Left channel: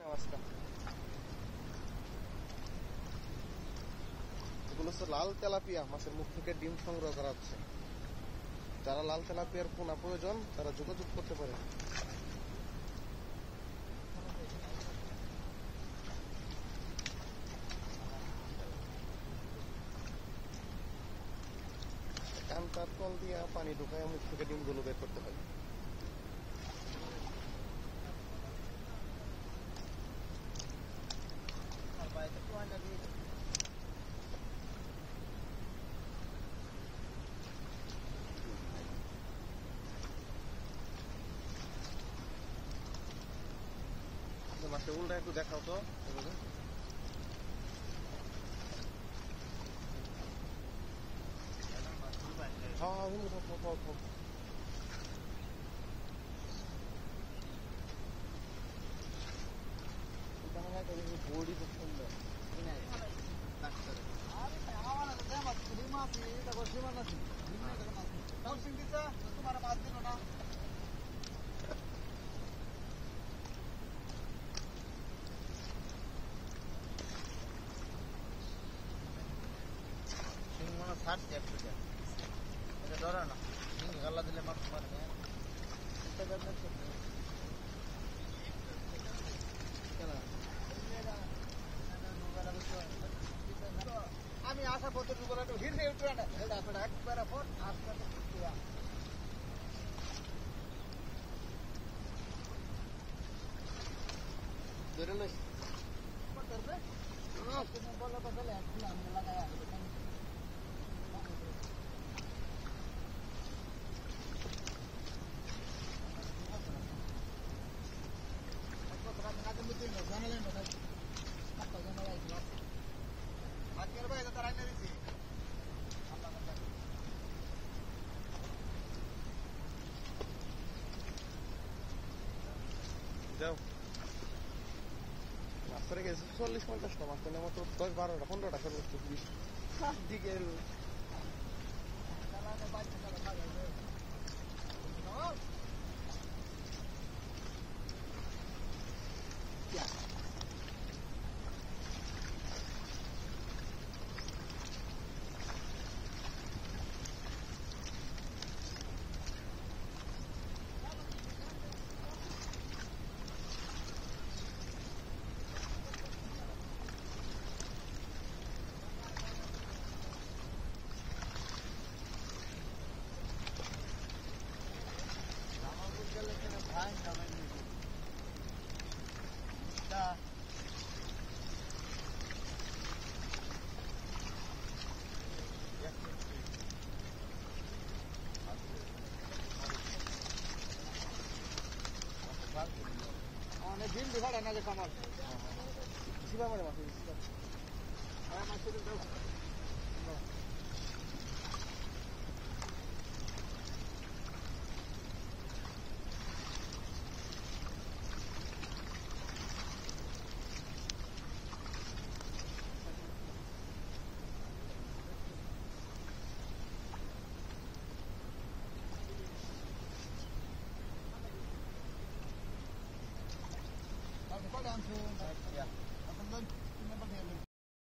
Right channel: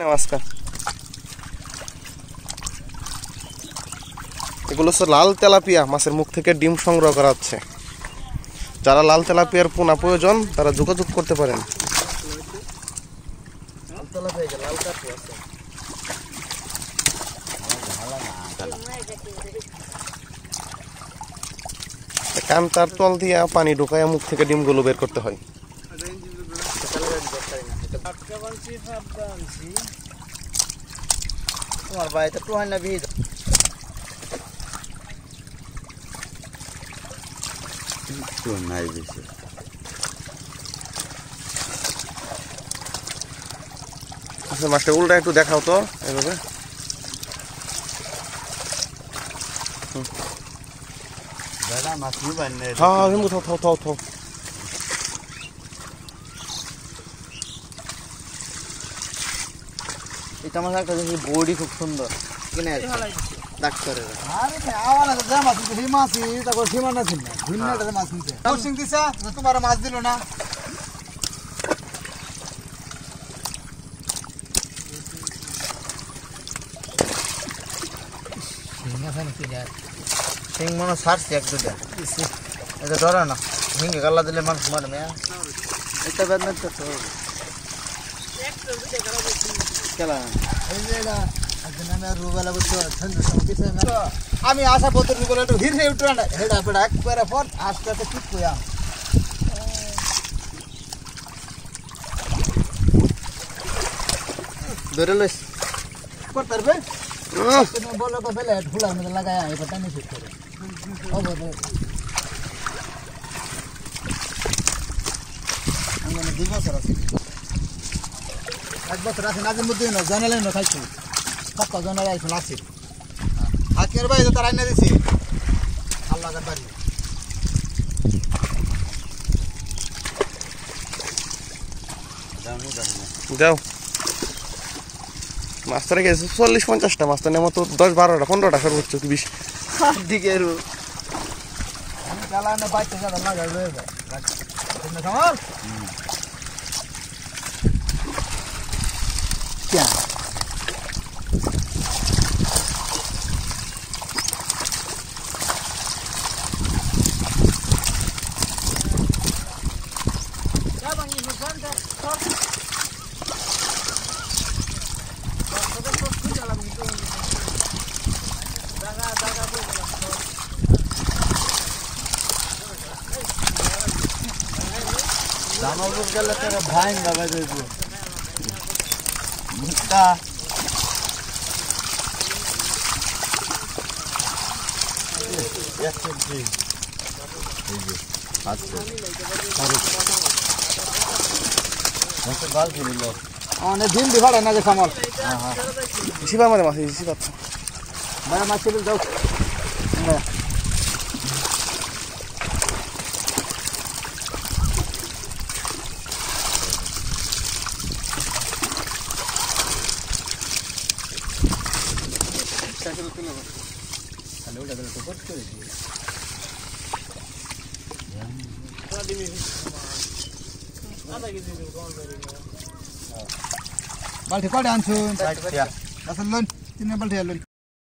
নমস্কার। এগুলো হচ্ছে লাল তেলাপিয়া মাছের মুখ থেকে ডিম সংগ্রহ করা হচ্ছে। যারা লাল তেলাপিয়ার পোনা প্রয়োজন তারা যোগাযোগ করতে পারেন। কান্তার তল দিয়ে পানি ঢুকায় মুখ থেকে ডিমগুলো বের করতে হয়। তোমার বাড়িতে তো হয় না ভিড় নাই বেশি। আচ্ছা, মাছটা উল্টা একটু দেখাও তো এভাবে। দাদা মাছ নিবেন না? হ্যাঁ, থাও থাও থাও থাও। এটা আমার একটা দেখি বডি খুব সুন্দর কিনে ডাক্তারের। আরে আমার না যা মাছ দিই মাছ এটা কো সীমানা ছিল না ভিন্নটার মাছ নিতে কোচিং দিছে তোমার মাছ দিল না। সিং মনে সারছে এক দুটা এটা ধরে না হিঙ্গে গাল্লা দিলে মানুষ মারে মেয়া এটা বেদ না তো আমি আশা পত্র একটু হিরে উঠে হেডা পেড়া একবারে পর আস্তে আস্তে ঠিক কইয়া ধরে লইস করতে পারবে বলো তো ফেলে ফুলা মধ্যে লাগায় এটা টানি ঠিক করে আমি 2 বছর আছি 1 বছর আছে নাজিম বুদ্ধি না জানালেন না খাইছি কত জনের আইছিল আছে আজকের ভাই তো রান্না দিছি আল্লাহ বাড়ি যাও। মাছ তো রেখেছে 40-50টা মাছ তো নেমো তো 10-12টা-15টা সর্বোচ্চ 20 দিকে রু আমি চালানো বাইতে যাবে লাগাই লইবে তুমি খামার क्या জামালপুর গেলে তোরা ভাই লাগাই দেবো মুক্তা অনেক দিন বিভাড় না যে সামল শিবা মানে মাছ শিবা মানে মাছ যাও বালতি কয়টা আনছুন? 3 বালতি আনলুন।